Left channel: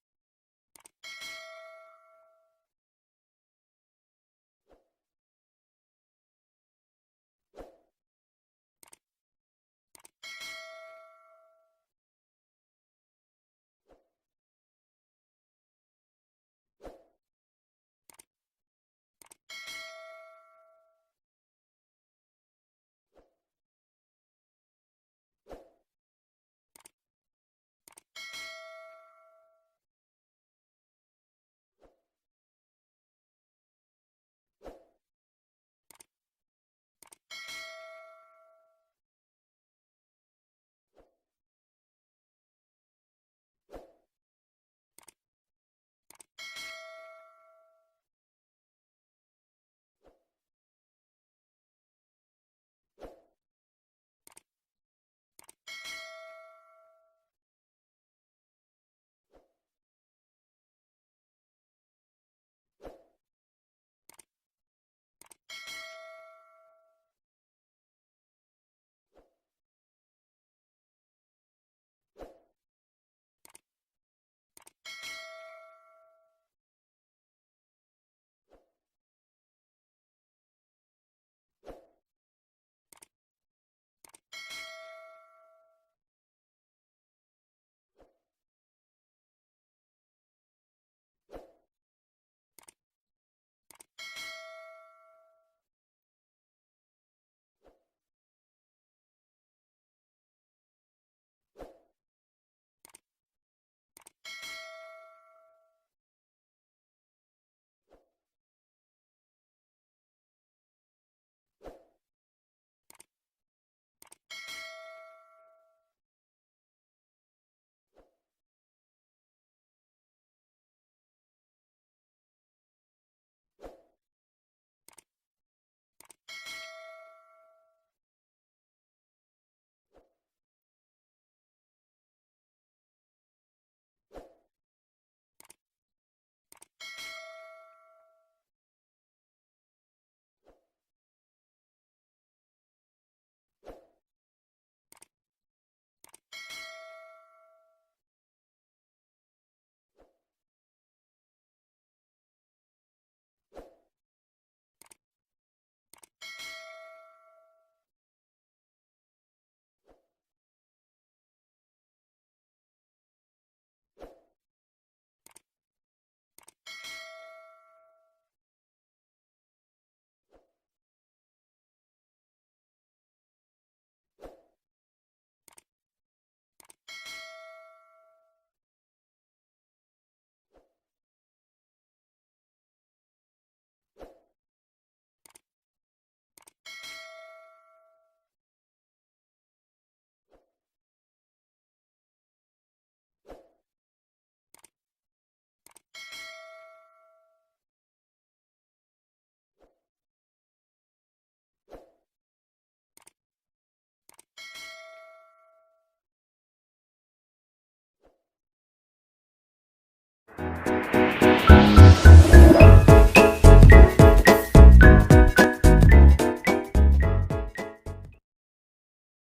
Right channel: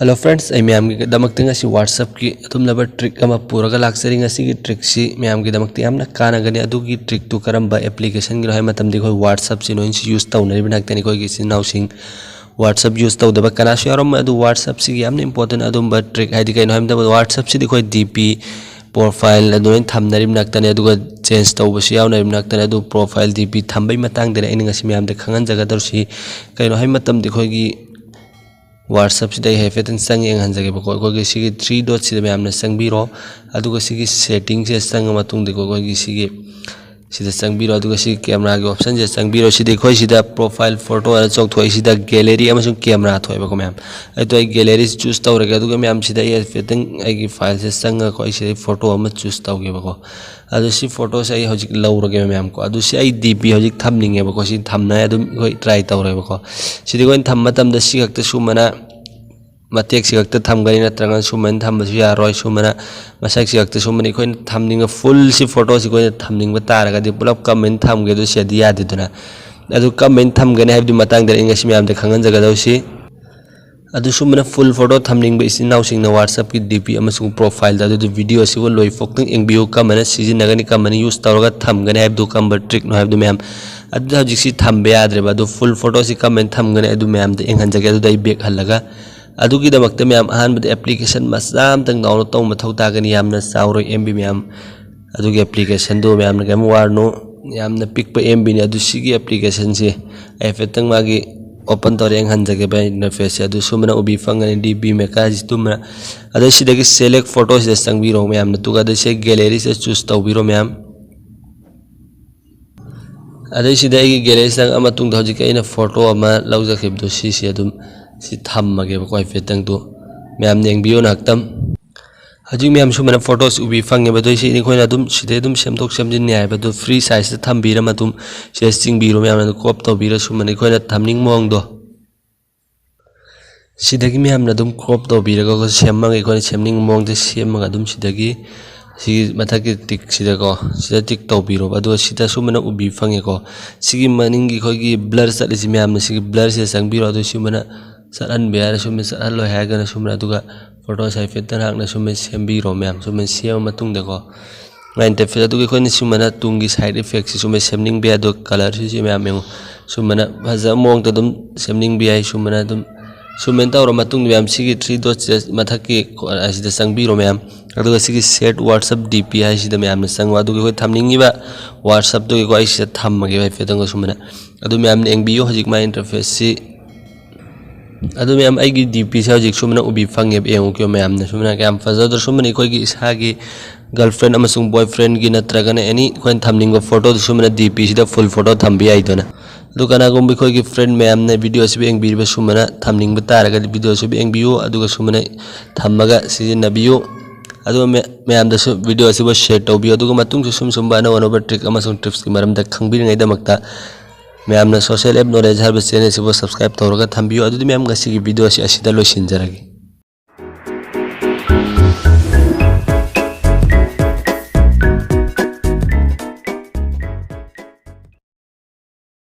Hello friends I ma'am की दमकते ngasi WhatsApp की अदुमलबा trick अमा पुरगा लाक्सरी ngasi की ट्रिक सी मैम की दमकते यामना कानागनी अदुगी ट्रिक तु करम्बा एप्लीकेशन गिरो है मतम दिखो WhatsApp से नोइन यूज तौनरि बिनाक्तनि कोई किसी नाउसिंग WhatsApp यूज तौदबा कनासु यारम अदु WhatsApp सी यामना इंपोर्टेंट अदुमबा ट्रिक हाइदि कइनो हम दबा WhatsApp सी दिखो DP प्रोफाइल अदुइन थमनरि बिनाक्तनि अदुगा चेंज तौबसु यावनरि बिनाक्तनि अदु प्रोफाइल DP थम्बै मतंग देना इन ngasi मैम दे खंगन जगह दरसी कइनो है मतम दिखोगी WhatsApp से हेफेतन संग यंगहनजगे बको कोई सिगी 3 डॉट से मैमने संगबिरो अदुगा सिगी सेटिंग से संग मतुंग देखो कोई सिगी सिदा संगबिरो अदुगा सिगी कैमरा के ऑप्शन से संगबिरो सिदा कोई सिदा प्रोफाइल फोटो अर चौक थोई सिदा गैलरी अमसुंग कैमरा थोई बको मैम अदु आई गैलरी चूज तौरगे अदुगा मैम सिदा हेफेतन आई फाइल से संग कोई सिदा फोटो अम चूज तौगे बको अदु सी फोटो से आई हजिक लौरगे मैम को अदु सी आई DP हजिक थमनिंगे बको सी थमना अदु कोई ट्राई तौरे बको सिदा कोई थम मतम द सी खक्ते सुमना मतेक सिगक्ते थमगनी नत्रंग सुमन थमबसु यारोय सुमना मसक सिगक्ते सुमन कोइन थमनिंग फुल सी फोटो सी कोइन थमनिंग तारगदि पुलप कमेंट थमगे दु सेदि यादिदुना अदु कमेंट थमगने हाबदि मतंग दे इंगसि मैम दे खंगन जगदौसी अदु सुमना फुल फोटो थमनिंग बे इसी नाउसिंग न WhatsApp की DP अमसुंग प्रोफाइल दा अदु वीडियो सिबो लोय फोक्तंग एंगबियो कमने सिजिनगनि कमने यूज तौरगा थमगने हाबदु कम्बर ट्रिक नो हाबदु मैम अदु हजिसि थमबे याद्रे अदु फुल फोटो सी कमेंट थमगने अदु मैम दे इंगहन जगे अदु दai बैक हल्लगा अदुगी दमकते मैम अहानबद एप्लीकेशन मसाम तंग डाउनलोड तौ मथौ तागनी यामना साउरो MB मैम अदुगी एप्लीकेशन दो मैम गेम वारनो यामना पिक पे MB ने अदु सिगी एप्लीकेशन से एफेतंग मागी ओपन तौरेंग हंजगे बे इंटरफेस से अदु सुमना उबी फंगने DP में का जितुमना अदु सिदगी सेलेक्ट फोटो से संगबिरो मैम तुगा अदु से गैलरी से चूज तौबिरो मैम अदु सिदगी गैलरी संग अमा तुंग हजिक अइना फोटो अमा लौजखिबदु सिसी अदुम सी थमगे बको हेफेतंग तो मैम नेंगबियो नाक्तम हजिक मैम सुमना फोटोस उबी फंगे बदो सी इनखोइना अदुम सिदे अदुम सेमथोक सेमजिन न्याय बदो फ्री साइज से थमबिरा मतुम से चिंगबिरो मैम न क्रॉप तौबिरा सुमना इखोइना थमनिंग मोंग दो सिदगी मैम न अदुम क्रॉप तौबिरा को सेमंग इखोइना सेमनिंग मोंग दे सेमंग अदुम सिदगी सी मथाकी टिक सिदा को सिदा टिक तौबिरो अदो सिदा सुमना उबी फंगे को सिगी मनिंग इखोगी ब्लर चलिसि मैम न सिगी ब्लर से संगबिरो अदो सुमना सरन बेयार सुमे सरन लो हैगन सुमना दुगा फोटो साइफेतन हाकना सुमे सेमबिरो मैम सुमे सेम मतुंग देखो interface दुगे coin Sumana Tungi side effect सुमे सेमनिंग बेया दो कलर सि मैम मेंगो सुमना भजा मोंग तदुम सेमनिंग बेया सुमना दुम सुमेन तौर मतुंग मैम सिगी 3 डॉट मथकी असिदा संगबिरो मैम अदुगा सिगी सेट WhatsApp DP हाइसिदा मैम संग अदुगे कोइ थमनिंगिबा WhatsApp दुगे को आइसिदा थमगे हाइफेतंग सुमना अदु मैम एंगबियो हजिक मा इंटरफेस सि अदु मैम आइगी DP से हजिक सुमना उबी फंगे एंगो क्यों मैम ने सुमना कैम फजदर सुमना इखोगी इसागी गर्लफ्रेंड अमसुंग बॉयफ्रेंड की नत्रगने एनी कोइन थमनिंग फोटो सुमना DP सिदा फुल फोटो थम्बि आइदोना अदु कनागुम बिखोगी फ्रेंड मैम ने वीडियो से एंगबिरबे सुमना थमनिंग तारगा वीडियो से एंगबियो अदुगा सुमना थमगा सिजिनबियो अदु मैम दसु वीडियो से शेयर तौबियो अदुगा मतुंग सुम बाना वनोबा ट्रिक अमसुंग टिप्स की मरम द खंगबिरङै दमकता मैम सोशल एप नॉलेज हर चैनल से सब्सक्राइब तौरगा थम्बियो अदुदी मैम गसी वीडियो से असिदा लोइसिनजरगे।